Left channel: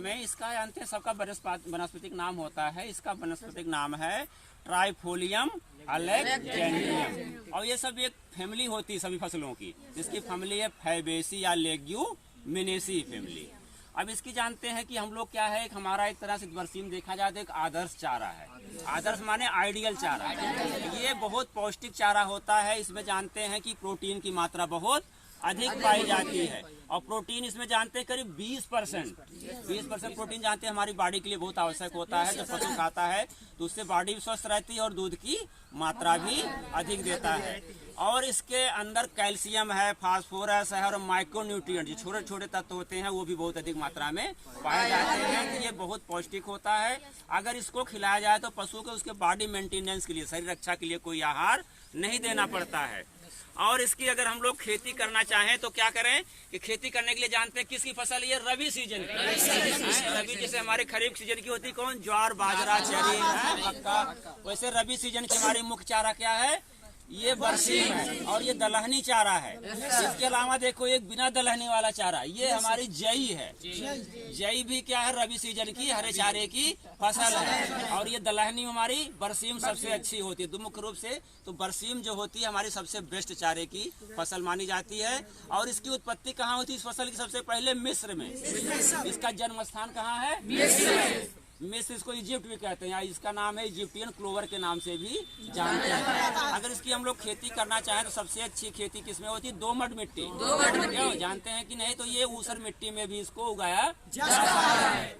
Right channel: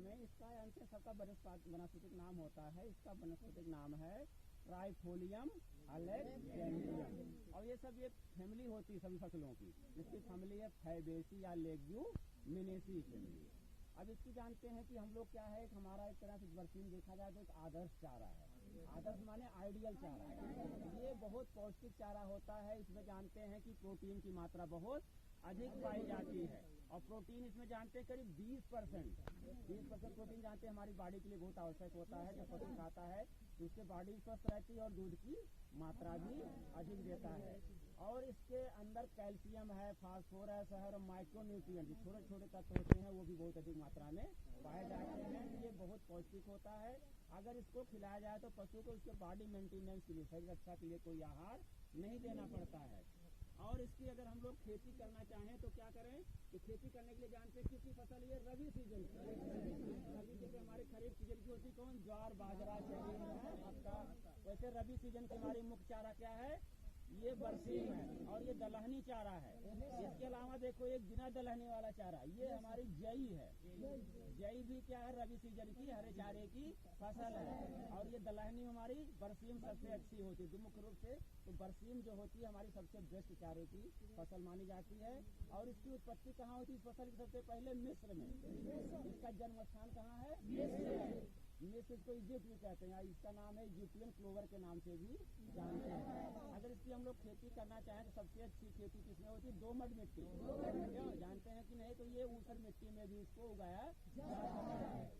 में इसका जानते हैं सबका वनस्पतिक नाम होता है। इसका वनस्पतिक नाम है ट्राइफोलियम अलेक्जेंड्रियम और ये सब एक फैमिली होती है सभी फसलों की। इसकी फैमिली है फैबेसी या लेग्यूमिनेसी फैमिली। अब इसकी जानते हैं कि हम लोग क्या है, हमारा एक तरह से बरसीम देखा जाए तो एक आदर्श चारा है। आदर्श माने आइडियल चारा। ये बहुत पौष्टिक चारा होता है। इसमें जानते हैं कि प्रोटीन की मात्रा बहुत अधिक पाई जाती है और प्रोटीन इसमें जानते हैं करीब 20% प्रोटीन जानते हैं हमारी बॉडी के लिए बहुत आवश्यक होता है। जब पशु खाता है तो उससे बॉडी भी स्वस्थ रहती है और दूध की मात्रा भी अधिक देता है। और इसके अंदर कैल्शियम है, फास्फोरस है और माइक्रोन्यूट्रिएंट जो छोटे छोटे तत्व होते हैं वो भी बहुत अधिक मात्रा में पाए जाते हैं। तो ये बहुत पौष्टिक होता है। अगर इसको खिलाया जाए तो पशु को उसके बॉडी मेंटेनेंस के लिए, शरीर रक्षा के लिए कोई आहार नहीं देना पड़ता है। और इसकी अगर हम लोग खेती करना चाहें तो क्या करें कि खेती करने के लिए जानते हैं किसकी फसल ये रबी सीजन की। रबी जैसे हमारे खरीफ सीजन की होती कौन, ज्वार बाजरा चरी मक्का, वैसे रबी सीजन की हमारी मुख्य चारा क्या है, ये बरसीम है और ये दलहनी चारा है। इसके अलावा देखो एक बिना दलहनी वाला चारा, ये हमारी जई है। जई भी क्या है, रबी सीजन की हरे चारे की फसल है। और ये दलहनी हमारी बरसीम सबसे अच्छी होती है। तो मुख्य रूप से तो बरसीम जो होती है हमारी सबसे बेस्ट चारे की फसल मानी जाती है। और इसकी उत्पत्ति कहाँ होती है इस फसल की, सबसे पहले मिस्र में। इसका जन्म स्थान कहाँ है, मिस्र। इसको इजिप्ट भी कहते हैं, इसका नाम है इजिप्टियन क्लोवर के नाम से भी जानते हैं। अगर इसकी हम लोग खेती करना चाहें तो सबसे अच्छी खेती किसमें होती है, दोमट मिट्टी। क्यों जानते हैं कि नहीं, तो ये ऊसर मिट्टी में भी इसको उगाया जा सकता है।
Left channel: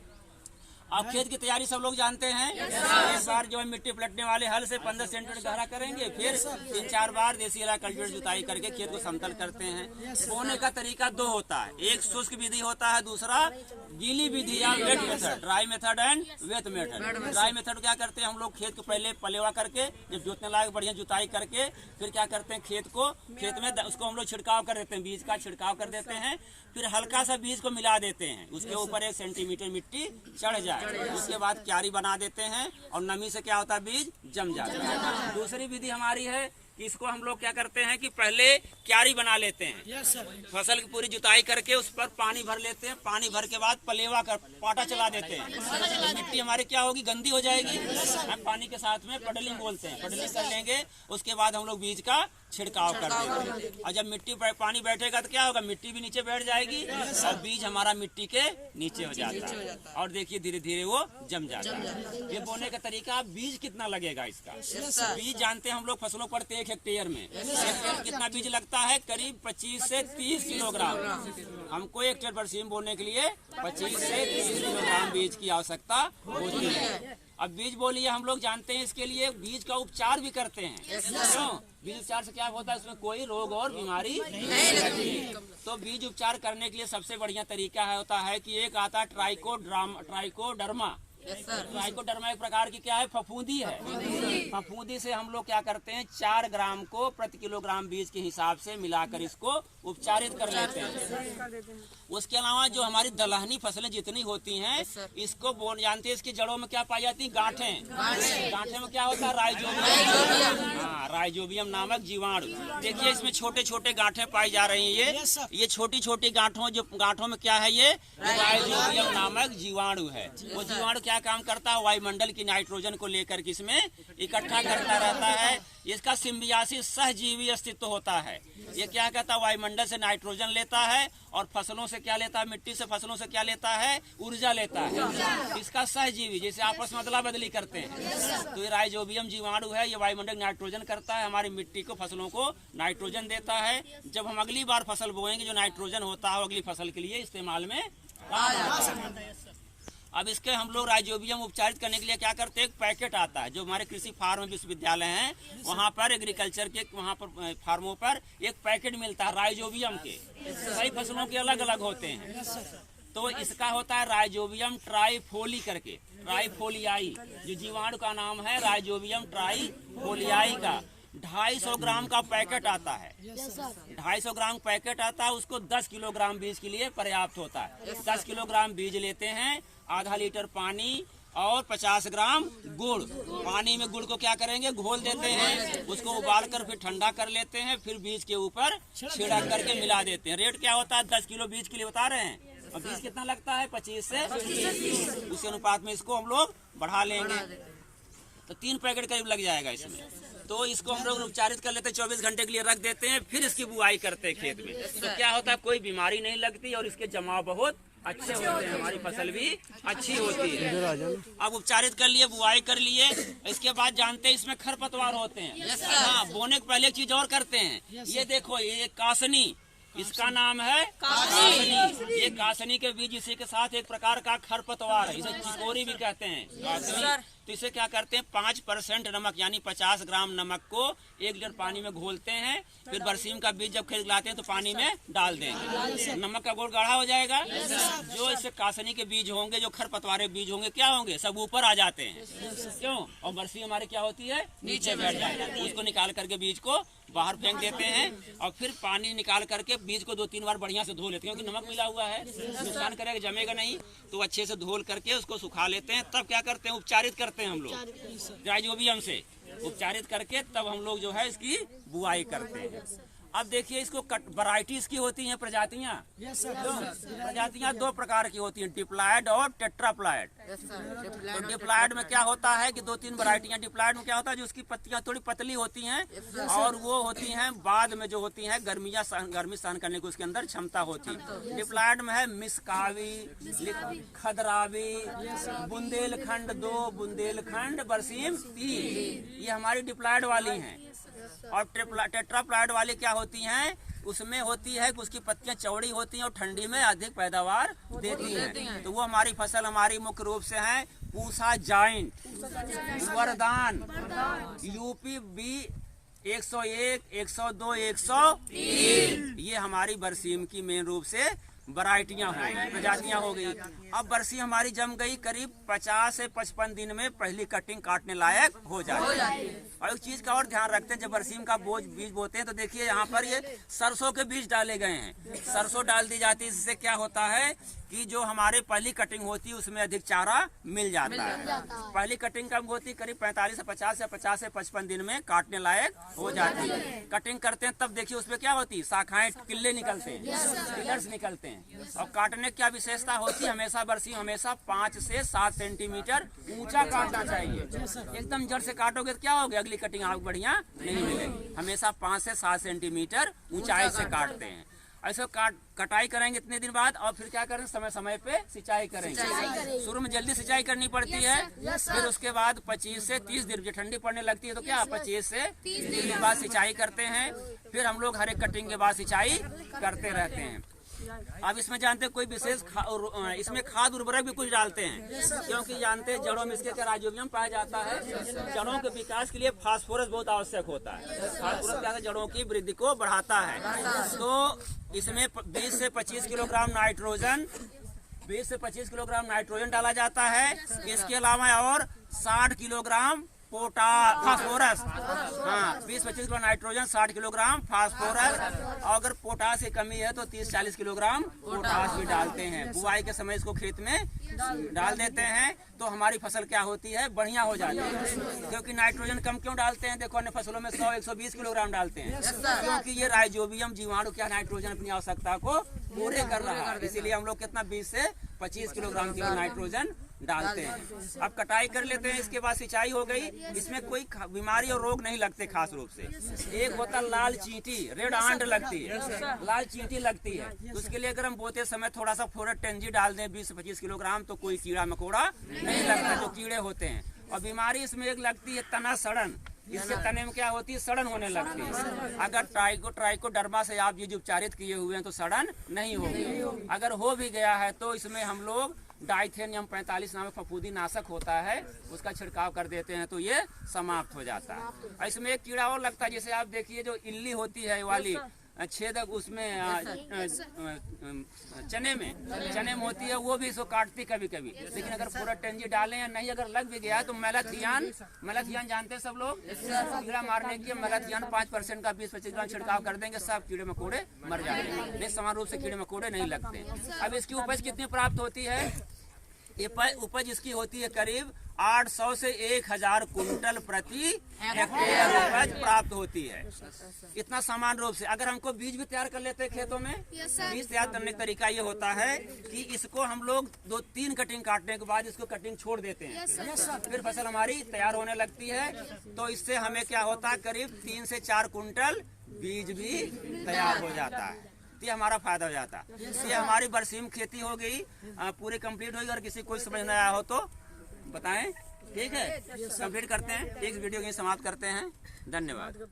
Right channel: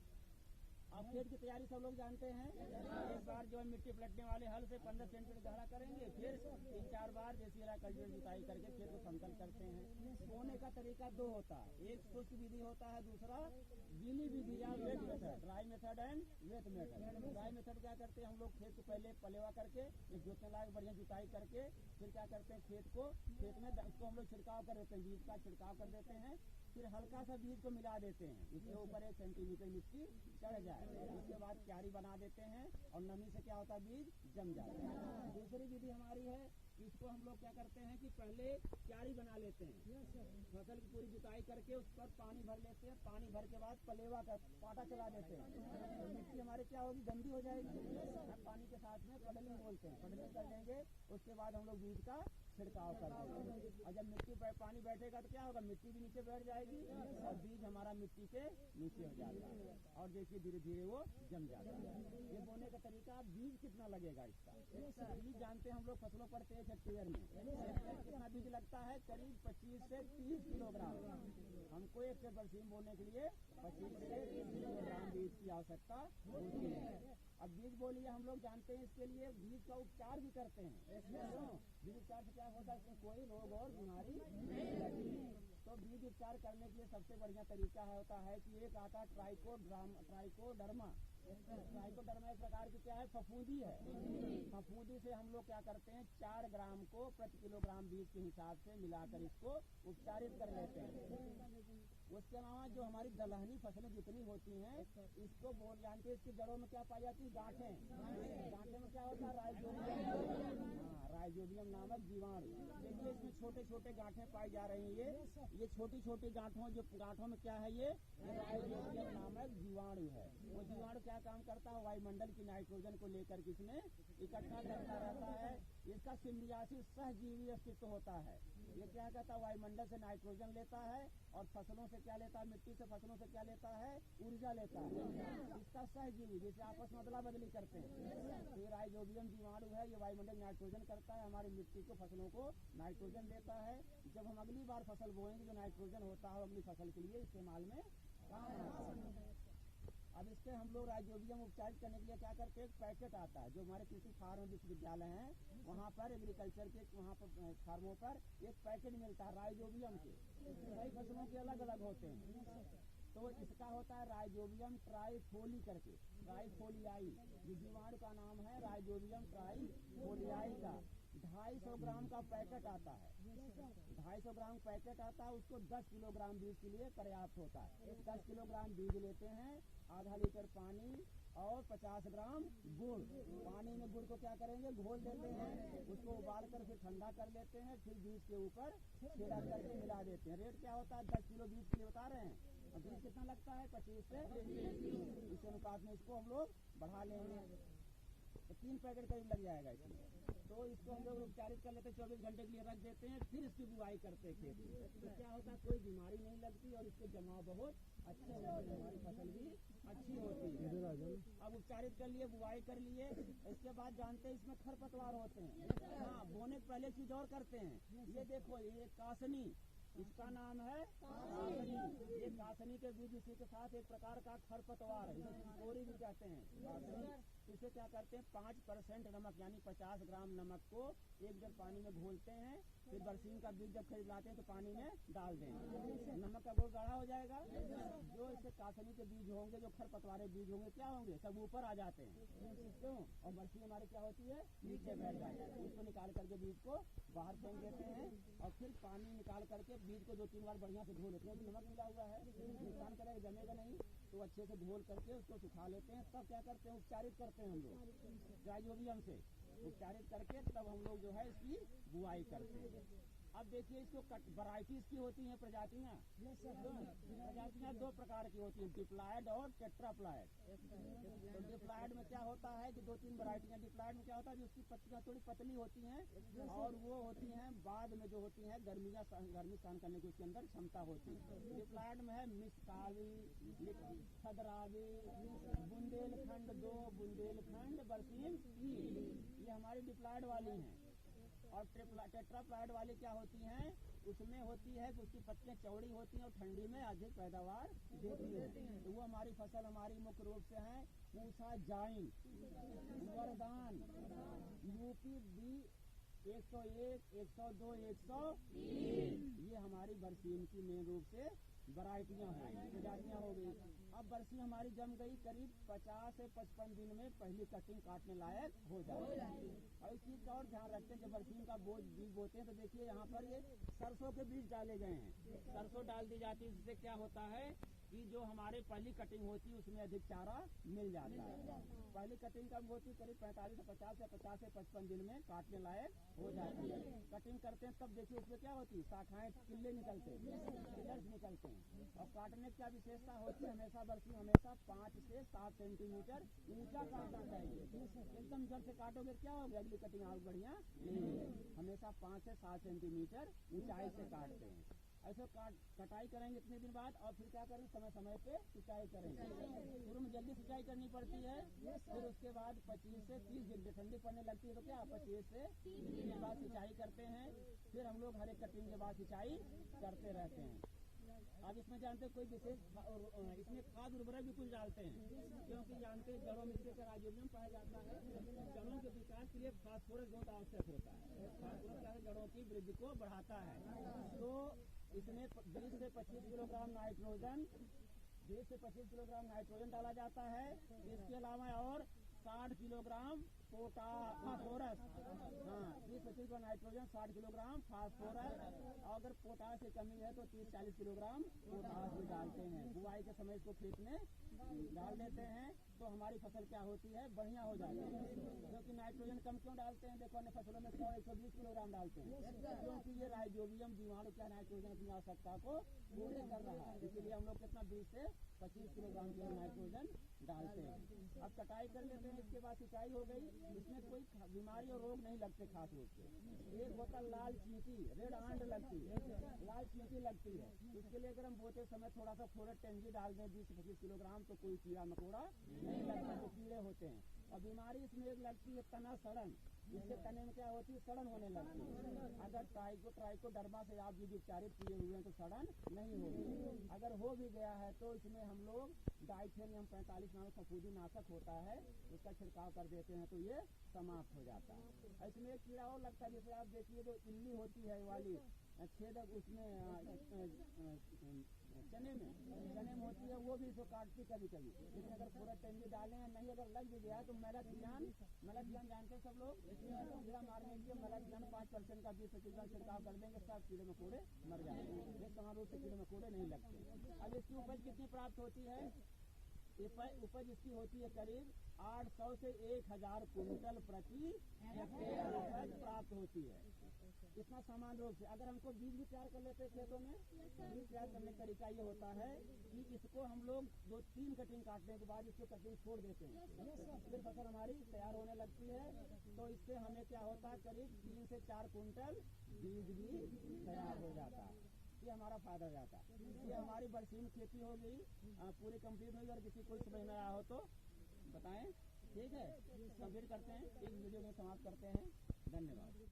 अब खेत की तैयारी सब लोग जानते हैं। एक बार जो है मिट्टी पलटने वाले हल से 15 सेंटीमीटर गहरा करेंगे, फिर 3-4 बार देसी इलाका कल्टीवेटर जुताई करके खेत को समतल करते हैं। बोने का तरीका दो होता है, एक शुष्क विधि होता है, दूसरा गीली विधि या wait method, dry method and wait method. Dry method क्या करते हैं हम लोग, खेत को पहले पलेवा करके जब जोतने लायक बढ़िया जुताई करके फिर क्या करते हैं खेत में उसको हम लोग छिड़काव कर देते हैं, बीज का छिड़काव कर देते हैं। फिर हल्का सा बीज को मिला देते हैं, उसके ऊपर 1 सेंटीमीटर मिट्टी चढ़ जाए। उसके बाद क्यारी बना देते हैं और नमी से क्या होता है, बीज जम जाता है। दूसरी विधि हमारी है कि इसको हम लोग क्या करते हैं कि पहले क्यारी बना लेते हैं, फसल की पूरी जुताई करके उस पर पानी भर लेते हैं। पानी भर के बाद पलेवा कर पाटा चला देते हैं, तो मिट्टी हमारी क्या होगी, गंदी हो जाएगी। हम पानी के साथ में पडलिंग बोलते हैं, पडलिंग कर लेंगे। उसके बाद हम लोग बीज का छिड़काव कर देंगे और जब मिट्टी पर पानी बैठेगा तो क्या होगा, मिट्टी भी नीचे बैठ जाएगी और बीज हमारा मिट्टी के नीचे हो जाता है और देखिए धीरे धीरे वो जम जाता है। ये बोने का तरीका। बीज कितना लगेगा इसका, बीज जानते हैं हम लोग फसलों पर 1 हेक्टेयर में कितना बीज लगता है, करीब 25 से 30 किलोग्राम। हमको 1 हेक्टेयर बरसीम बोने के लिए 25 से 30 किलोग्राम बीज की आवश्यकता होती है। अब बीज बोलिए हम लोग जानते हैं इसके लिए बीज का उपचार भी करते हैं। क्यों, बीज उपचार से क्या होता है, इसमें कोई रोग और बीमारी नहीं लगती। तो बीज उपचार करने के लिए सबसे बढ़िया तरीका होता है कि एक आता है ट्राइकोडर्मा। ट्राइकोडर्मा एक प्रकार की क्या है, फफूंदी है। फफूंदी से हम लोग क्या करते हैं, 4 ग्राम को प्रति किलोग्राम बीज के हिसाब से मिलाकर इसको उपचारित कर लेते हैं। उसके अलावा जो हमारी दलहनी फसलें जितनी होती हैं इसको जानते हैं, इसकी जड़ों में क्या पाई जाती है, गांठें। गांठे में क्या होता है, राइजोबियम। हाँ, राइजोबियम नामक जीवाणु। देखिए इसमें छोटे छोटे गांठें पाई जा रही हैं। ये छोटी छोटी गांठों में क्या है, ये राइजोबियम नामक जीवाणु है। वो जीवाणु क्या काम करता है, वायुमंडल की नाइट्रोजन को लेकर के इसमें इकट्ठा करता रहता है। इसका सिम्बियासिस सहजीवी अस्तित्व होता है। ये क्या कहता है, वायुमंडल से नाइट्रोजन लेता है और फसलों से क्या लेता है, मिट्टी से फसलों से क्या लेता है, ऊर्जा लेता है। इसका सहजीवी जैसे आपस में अदला बदली करते हैं। तो ये राइजोबियम जीवाणु है, ये वायुमंडल नाइट्रोजन करता है, हमारी मिट्टी को फसलों को नाइट्रोजन देता है। जब हम अगली बार फसल बोएंगे जो नाइट्रोजन होता है अगली फसल के लिए इस्तेमाल में आ जाता है। अब इसके हम लोग राइजोबियम उपचारित करने के लिए क्या करते हैं, एक पैकेट आता है जो हमारे कृषि फार्म विश्वविद्यालय हैं वहाँ पर एग्रीकल्चर के वहाँ पर फार्मों पर एक पैकेट मिलता है राइजोबियम के। सभी फसलों के अलग अलग होते हैं। तो इसका होता है राइजोबियम ट्राइफोली करके, ट्राइफोलियाई जो जीवाणु का नाम है राइजोबियम ट्राइफोलियाई का 250 ग्राम का पैकेट आता है। 250 ग्राम पैकेट आता है, उसको 10 किलोग्राम बीज के लिए पर्याप्त होता है। 10 किलोग्राम बीज लेते हैं, आधा लीटर पानी और 50 ग्राम गुड़। पानी में गुड़ को क्या करेंगे, घोल देते हैं, उसको उबाल कर फिर ठंडा कर लेते हैं, फिर बीज के ऊपर छिड़क करके मिला देते हैं। रेट क्या होता है, 10 किलो बीज के लिए बता रहे हैं और बीज कितना लगता है 25 से 30। उसी अनुपात में इसको हम लोग बढ़ा लेंगे तो 3 पैकेट करीब लग जाएगा इसमें। तो इसको हम लोग उपचारित कर लेते हैं, 24 घंटे के लिए रख देते हैं, फिर इसकी बुआई करते हैं खेत में। तो क्या होता है, कोई बीमारी नहीं लगती और इसके जमाव बहुत अच्छे होते हैं, हमारी फसल भी अच्छी होती है। अब उपचारित कर लिए, बुआई कर लिए, इसके बाद जानते हैं इसमें खरपतवार होते हैं। हाँ, बोने के पहले एक चीज और करते हैं, ये देखो ये कासनी, इसका नाम है कासनी। ये कासनी के बीज इसी के साथ एक प्रकार का खरपतवार है, इसे चिकोरी भी कहते हैं कासनी। तो इसे क्या करते हैं 5% नमक यानी 50 ग्राम नमक को 1 लीटर पानी में घोलते हैं, फिर बरसीम का बीज जब खेत लाते हैं तो पानी में डाल देंगे, नमक का घोल गाढ़ा हो जाएगा। जो इससे कासनी के बीज होंगे, जो खरपतवार बीज होंगे, क्या होंगे, सब ऊपर आ जाते हैं। क्यों? और बरसीम हमारे क्या होती है, नीचे बैठ जाती है। उसको निकाल करके बीज को बाहर फेंक देते हैं और फिर पानी निकाल करके बीज को 2-3 बार बढ़िया से धो लेते हैं, क्योंकि नमक मिला हुआ है, नुकसान करेगा, जमेगा नहीं। तो अच्छे से धोल करके उसको सुखा लेते हैं। तब क्या करते हैं, उपचारित करते हैं हम लोग राइजोबियम से। उपचारित करके तब हम लोग जो है इसकी बुआई करते हैं। अब देखिए इसको वैरायटीज की होती हैं, प्रजातियां। प्रजातियां 2 प्रकार की होती हैं, डिप्लॉयड और टेट्राप्लॉयड। तो डिप्लॉयड में क्या होता है कि 2-3 वैरायटियां। डिप्लॉयड में क्या होता है, जो उसकी पत्तियां थोड़ी पतली होती हैं और वो होती हैं बाद में जो होती हैं गर्मी सहन करने की उसके अंदर क्षमता होती है। डिप्लॉयड में है मिसकावी, खदरावी, बुंदेलखंड 2, बुंदेलखंड, बरसीम 3, ये हमारी डिप्लॉयड वाली हैं। और टेट्राप्लॉयड वाली क्या होती हैं, उसमें होती है कि उसकी पत्तियां चौड़ी होती हैं और ठंडी में अधिक पैदावार देती हैं। तो वो हमारी फसल हमारी मुख्य रूप से है पूसा जाइंट, वरदान, यूपी बी 101, 102, 103, ये हमारी बरसीम की मेन रूप से वैरायटियां हो गई, प्रजातियां हो गई। अब बरसी हमारी जम गई, करीब 50 से 55 दिन में पहली कटिंग काटने लायक हो जाती है। और एक चीज का और ध्यान रखते हैं, जब बरसीम का बीज बोते हैं तो देखिए यहाँ पर ये सरसों के बीज डाले गए हैं। सरसों डाल दी जाती है, इससे क्या होता है कि जो हमारे पहली कटिंग होती है उसमें अधिक चारा मिल जाता है। पहली कटिंग कब होती है, करीब 45 से 50 या 50 से 55 दिन में काटने लायक हो जाती है। कटिंग करते हैं तब देखिए उसमें क्या होती है, शाखाएं, किल्ले निकलते हैं, पिलर्स निकलते हैं। और काटने की क्या विशेषता होती है, हमेशा बरसीम हमेशा 5 से 7 सेंटीमीटर ऊंचा काटना चाहिए। एकदम जड़ से काटोगे तो क्या होगा, अगली कटिंग आपको बढ़िया नहीं मिलेगी। हमेशा 5 से 7 सेंटीमीटर ऊंचाई से काटते हैं। ऐसे कटाई करेंगे इतने दिन बाद और फिर क्या करेंगे, समय समय पे सिंचाई करेंगे। शुरू में जल्दी सिंचाई करनी पड़ती है, फिर उसके बाद 25 से 30 दिन, जब ठंडी पड़ने लगती है तो क्या 25 से 30 दिन के बाद सिंचाई करते हैं। फिर हम लोग हर एक कटिंग के बाद सिंचाई करते रहते हैं। अब इसमें जानते हैं कोई विशेष इसमें खाद उर्वरक भी कुछ डालते हैं, क्योंकि जानते हैं जड़ों में इसके क्या राइजोबियम पाया जाता है। जड़ों के विकास के लिए फास्फोरस बहुत आवश्यक होता है। फास्फोरस क्या है, जड़ों की वृद्धि को बढ़ाता है। तो इसमें 20 से 25 किलोग्राम नाइट्रोजन, 20 से 25 किलोग्राम नाइट्रोजन डाला जाता है। इसके अलावा और 60 किलोग्राम फास्फोरस, हाँ 20-25 किलो नाइट्रोजन, 60 किलोग्राम फास्फोरस। और अगर पोटास की कमी है तो 30-40 किलोग्राम पोटास भी डालते हैं। बुआई के समय इसको खेत में डाल देते हैं तो हमारी फसल क्या होती है, बढ़िया हो जाती है। क्योंकि नाइट्रोजन कम क्यों डालते हैं, देखो अन्य फसलों में 100-120 किलोग्राम डालते हैं, क्योंकि ये राइजोबियम जीवाणु क्या नाइट्रोजन अपनी आवश्यकता को पूरे कर रहा है। इसीलिए हम लोग कितना 20 से 25 किलोग्राम की नाइट्रोजन डालते हैं। अब कटाई कर लेते हैं, इसके बाद सिंचाई हो गई। इसमें कोई बीमारी और रोग नहीं लगते खास रूप से। एक होता लाल चींटी, रेड आंट लगती है, लाल चींटी लगती है। उसके लिए अगर हम बोते समय थोड़ा सा फोरेट टेंजी डाल दें 20 से 25 किलोग्राम तो कोई कीड़ा मकोड़ा नहीं लगता, जो कीड़े होते हैं। और बीमारी इसमें एक लगती है तना सड़न, इसके तने में क्या होती है, सड़न होने लगती है। अगर ट्राइकोडर्मा से आप ये उपचारित किए हुए हैं तो सड़न नहीं होगी। अगर हो भी गया है तो इसमें हम लोग डाइथेनियम 45 नामक फफूंदी नाशक होता है, उसका छिड़काव कर देते हैं तो ये समाप्त हो जाता है। इसमें एक कीड़ा और लगता है, जैसे आप देखिए जो इल्ली होती है वाली छेदक उसमें चने में होती है, वो भी इसको काटती कभी कभी। लेकिन अगर पूरा टेंजी डालें या नहीं, अगर लग भी गया तो मेलाथियान जानते हैं सब लोग, कीड़ा मारने के मेलाथियान 5% का 20-25 ग्राम छिड़काव कर देंगे, सब कीड़े मकोड़े मर जाएंगे। नहीं, समान रूप से कीड़े मकोड़े नहीं लगते। अब इसकी उपज कितनी प्राप्त होती है, उपज इसकी होती है करीब 800 से 1000 कुंटल प्रति हेक्टेयर उपज प्राप्त होती है। इतना समान रूप से अगर हमको बीज भी तैयार कर लेते हैं खेतों में, बीज तैयार करने का तरीका ये होता है कि इसको हम लोग 2-3 कटिंग काटने के बाद इसको कटिंग छोड़ देते हैं, फिर फसल हमारी तैयार होने लगती है। तो इससे हमें क्या होता है, करीब 3 से 4 कुंटल बीज भी तैयार हो जाता है। ये हमारा फायदा हो जाता है। ये हमारी बरसीम खेती हो गई, पूरी कंप्लीट होगी। और किसी कोई समझ नहीं आया हो तो बताएं, ठीक है। कंप्लीट करते हैं, एक वीडियो यहीं समाप्त करते हैं। धन्यवाद।